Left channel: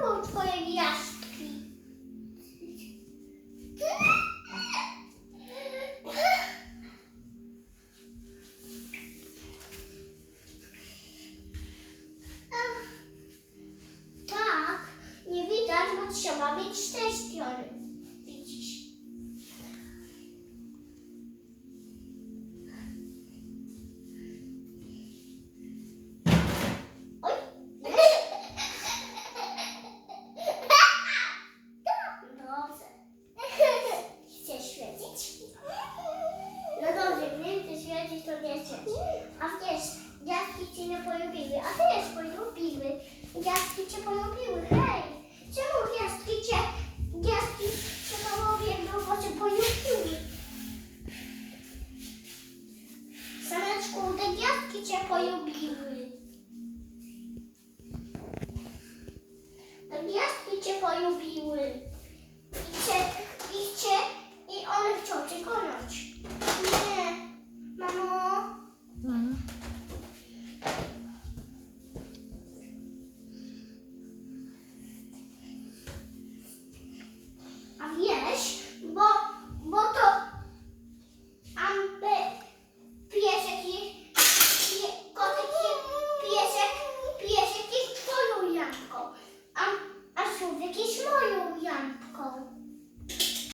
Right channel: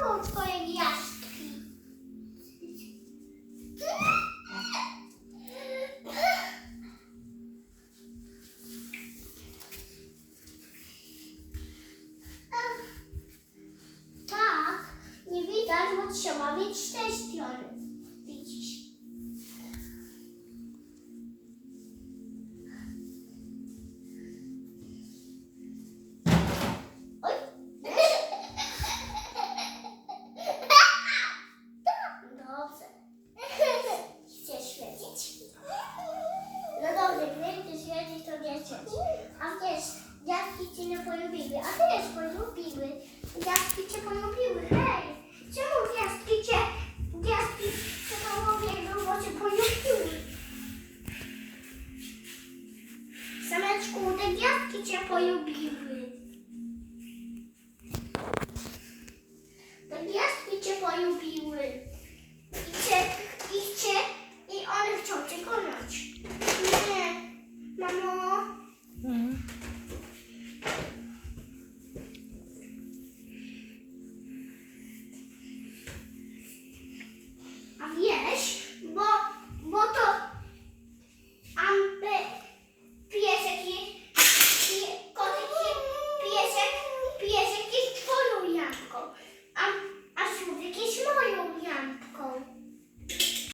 są twoje gwiazdki? Tak, nie widać, bo trzeba mieć szczęście. gdy przyjedzie to dziecięć. A wiesz, dziadki cię nie polubiły, a ty też polubiły. Dziadki cię polubiły, hej! Czemu gwiazdki cię, gwiazdki przekołowie grubo cię polubiły? Sameczku, te gwiazdki cię polubiły.